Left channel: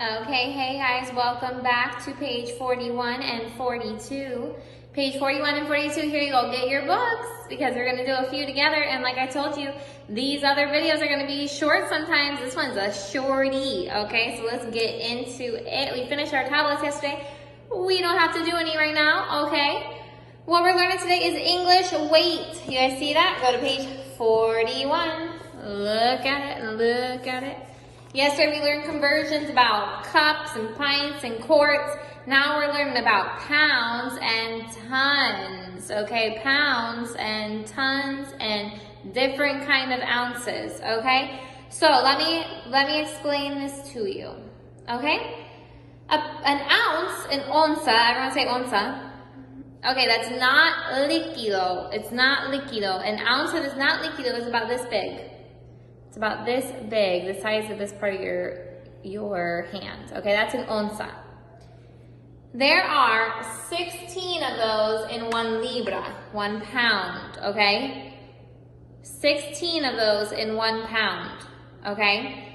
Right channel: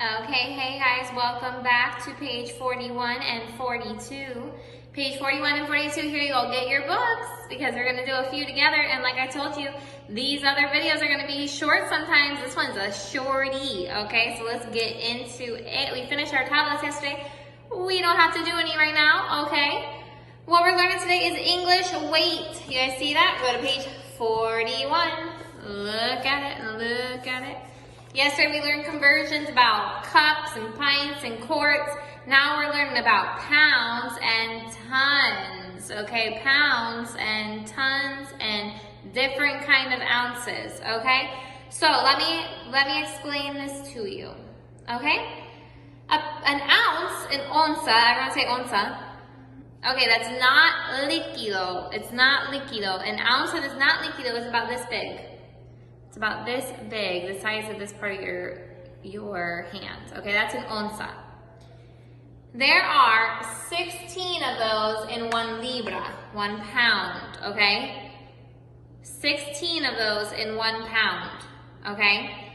Okay, hey guys, welcome back to page 41 and 42. Page 41 and 42, here you go, get your books because we're gonna do a few together, and like I told you, these other videos are gonna be short sometimes. This one's a shorty, okay? So let's get into it. We finished our tablets yesterday. We don't have to do any right now, okay? What we're learning today is English weight. You guys see that? Go to page 41. Look at it, look at it. Yesterday we learned conversions about cups and pints and quarts. Now we're learning about pounds and tons, okay? Pounds and tons and different kind of ounces, okay? So let me explain this to you, okay? An ounce, an onza, everyone say onza. Okay, that's not líquido. It's not líquido. An ounce that is not líquido is about this big. It's about this big, the size of this part of your hand. Okay, that's an onza. There are 16 of those in 1 libra, 1 pound, okay? 16 of those in 1 pound, okay?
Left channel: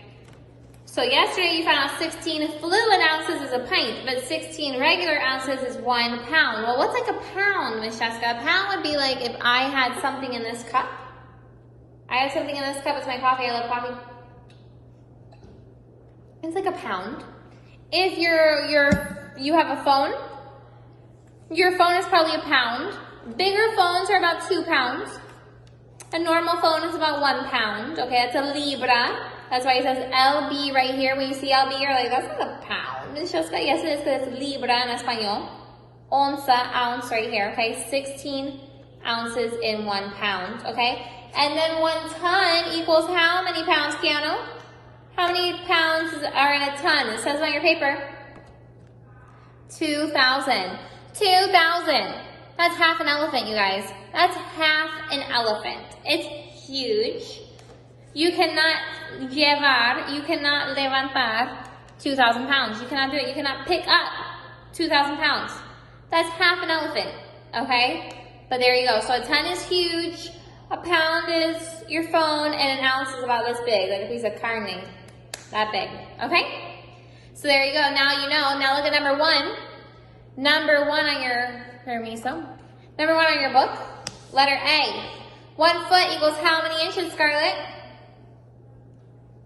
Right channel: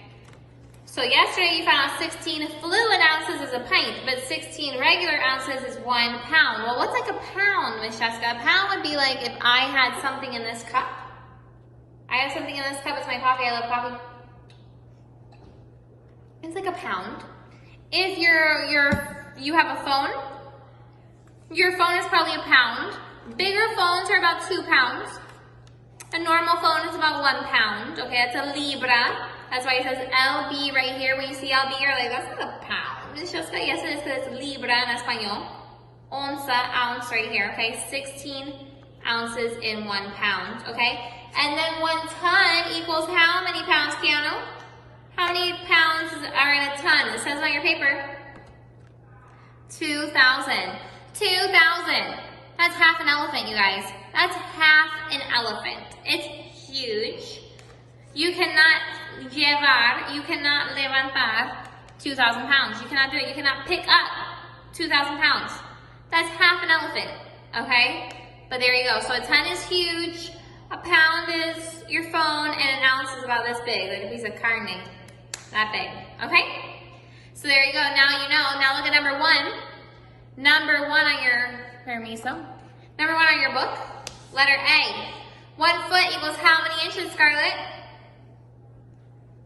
So yesterday you found out 16 fluid ounces is a pint, but 16 regular ounces is 1 pound. Well, what's like a pound, Miss Jessica? A pound would be like if I had something in this cup. I have something in this cup, it's my coffee, I love coffee. It's like a pound. If you have a phone, your phone is probably a pound. Bigger phones are about 2 pounds. A normal phone is about 1 pound. Okay, that's a libra. That's why it says LB right here. When you see LB, you're like, that's not a pound. It's just that, yes, it says libra in español. Onza, ounce right here, okay? 16 ounces in 1 pound, okay? And then 1 ton equals how many pounds, Keanu? How many pounds are in a ton? It says on your paper. 2,000. 2,000. That's half an elephant, you guys. That's half an elephant. It's huge. You cannot llevar, you cannot levantar 2,000 pounds. You cannot do it. You cannot pick up 2,000 pounds. That's half an elephant, okay? But there you go. So a ton is huge. A pound is your phone, and an ounce is about this big, like a piece of carne, that big, okay? So there you go, now you know. Now look at number 1. Number 1 on your, number 1 on your book, letter A. 1 foot equals how many inches, Scarlett?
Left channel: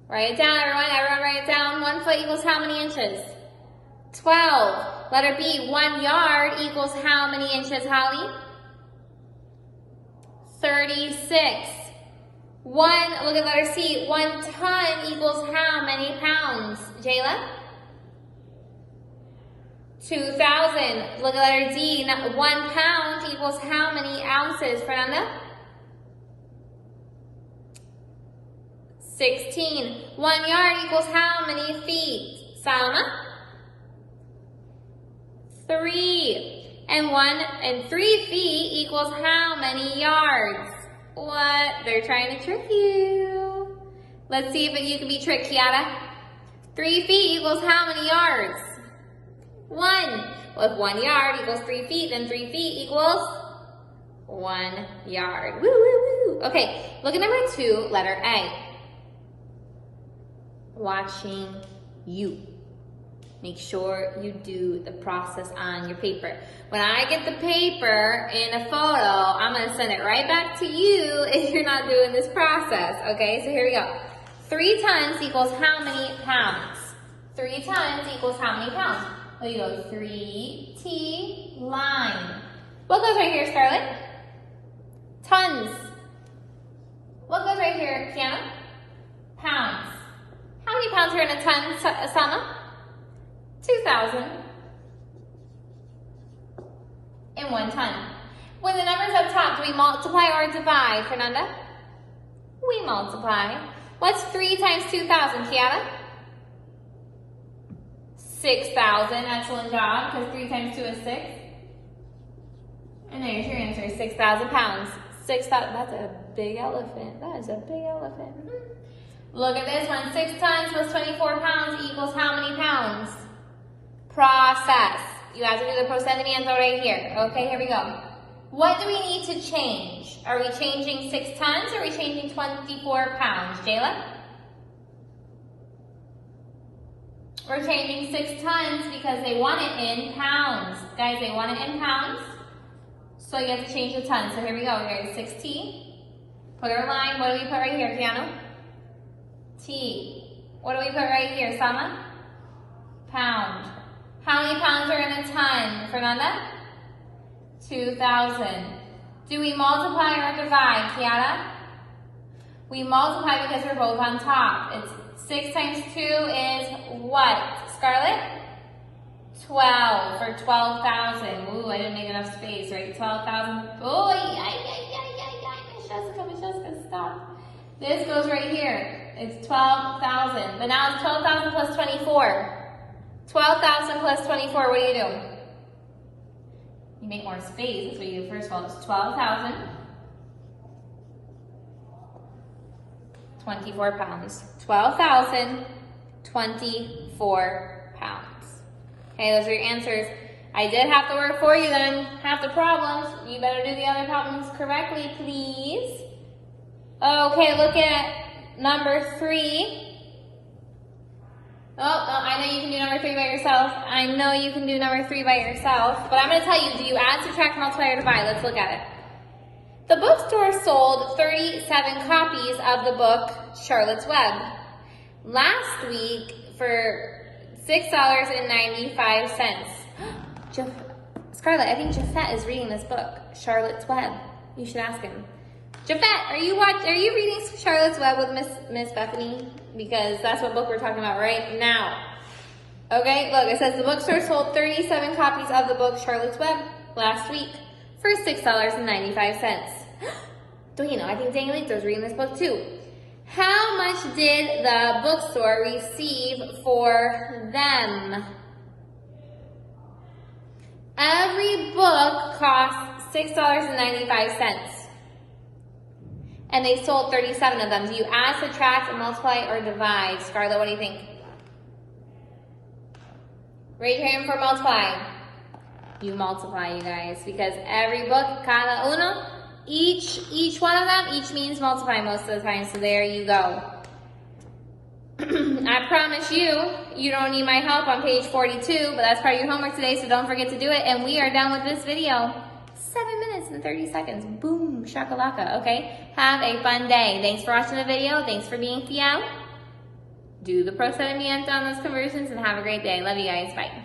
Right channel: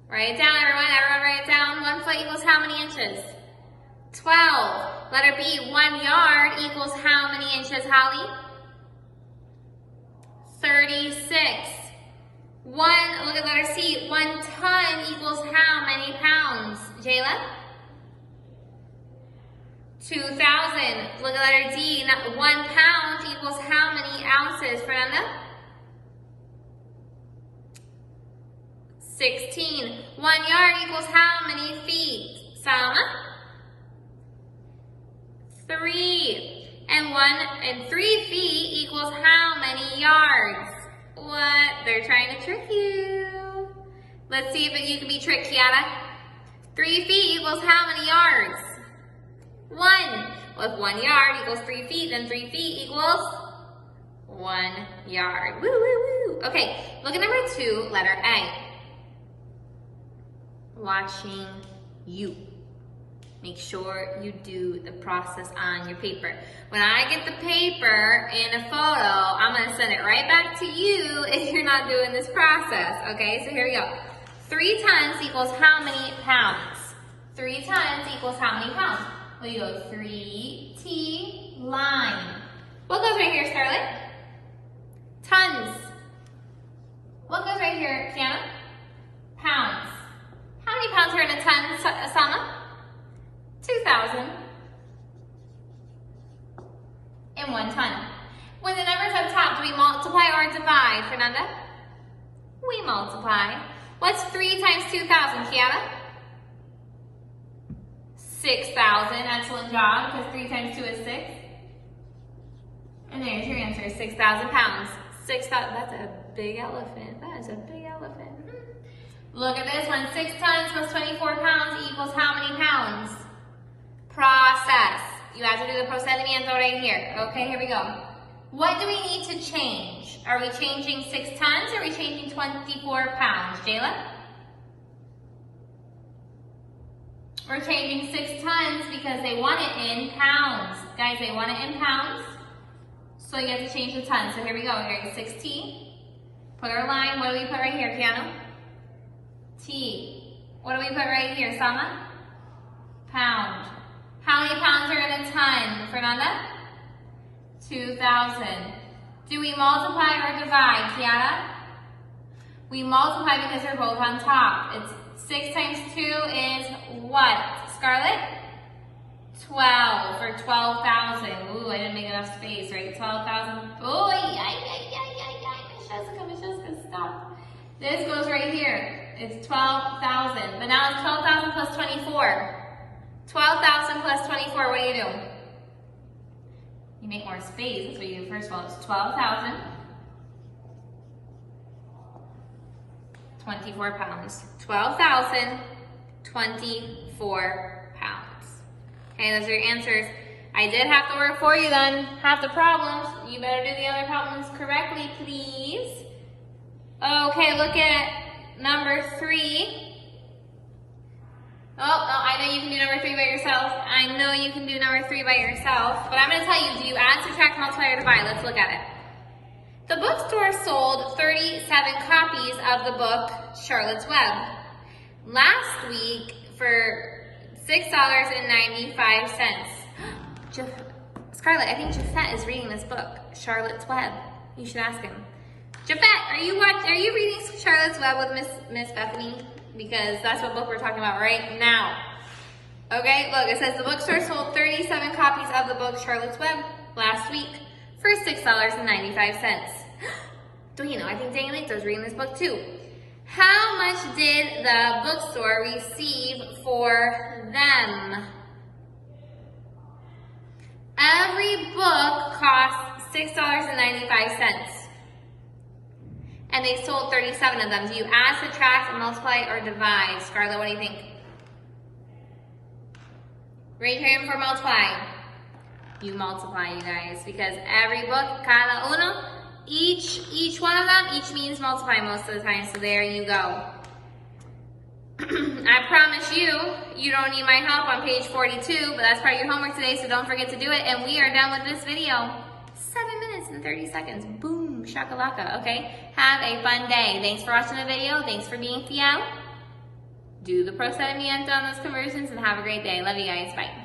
Write it down, everyone write it down. 1 foot equals how many inches? 12. Letter B, 1 yard equals how many inches, Holly? 36. Look at letter C. 1 ton equals how many pounds? Jayla? 2,000. Look at letter D. 1 pound equals how many ounces? Fernanda? 16. 1 yard equals how many feet? Salma? 3. And 3 feet equals how many yards? What? They're trying to trick you. Let's see if you can be tricked, Kiara. 3 feet equals how many yards? 1. Well, if 1 yard equals 3 feet, then 3 feet equals 1 yard. Woo, woo, woo. Okay, look at number 2, letter A. Watching you. Make sure you do the process on your paper. When I get the paper in a photo, I'm going to send it right back to you if you're not doing this process, okay? So here we go. 3 tons equals how many pounds? 3 tons equals how many pounds? Well, you go 3T line. What goes right here, Scarlett? Tons. What goes right here, Kiana? Pounds. How many pounds are in a ton, Sama? 2,000 in 1 ton. When the number's up top, do we multiply or divide, Fernanda? We multiply. What's 3 times 2,000, Kiara? 6,000. Excellent job, because 3 times 2 is 6. And there's your answer, 6,000 pounds. 6,000, that's a big elephant. That is a big elephant. Look at this one. 6 tons plus 24 pounds equals how many pounds? Process. You have to do the procedimiento right here. Okay, here we go. What do we need to change? Are we changing 6 tons or are we changing 24 pounds? Jayla? We're changing 6 tons because they want it in pounds. Guys, they want it in pounds. So you have to change the tons. So here we go. Here is 6T. Put our line. What do we put right here, Piano? T. What do we put right here, Sama? Pound. How many pounds are in a ton, Fernanda? 2,000. Do we multiply or divide, Kiara? We multiply because they're both on top. It's 6 times 2 is what, Scarlett? 12 for 12,000. Ooh, I didn't make enough space, right? 12,000. Oh, Michelle's stop. This goes right here. It's 12,000. But now it's 12,000 plus 24. 12,000 plus 24, what do you do? You make more space. That's what you do. First of all, it's 12,000. 24 pounds. 12,000, 24 pounds. Okay, those are your answers. I did half the work for you then, half the problems. You better do the other problems correctly, please. Okay, look at number 3. Oh, no, I know you can do number 3 by yourself. I know you can do number 3 by yourself. But I'm going to tell you, do you add, subtract, multiply, or divide? Let's look at it. The bookstore sold 37 copies of the book Charlotte's Web. Last week for $6.95. Scarlett, I think Jafet is reading this book, Charlotte's Web. You should ask him. Jafet, are you reading Charlotte's Web with Miss Bethany? Because that's what book we're talking about right now. Okay, look, it says the bookstore sold 37 copies of the book Charlotte's Web last week for $6.95. Don't you know, I think Danielito's reading this book too. How much did the bookstore receive for them? Every book costs $6.95. And they sold 37 of them. Do you add, subtract, multiply, or divide? Scarlett, what do you think? Raise your hand for multiply. You multiply, you guys, because every book, cada uno, each one of them, each means multiply most of the time, so there you go. I promise you, you don't need my help on page 42, but that's part of your homework today, so don't forget to do it, and we are done with this video. 7 minutes and 30 seconds. Boom, shakalaka, okay? Have a fun day. Thanks for watching the video. Thanks for being fiel. Do the procedimiento on those conversions, and have a great day. Love you guys. Bye.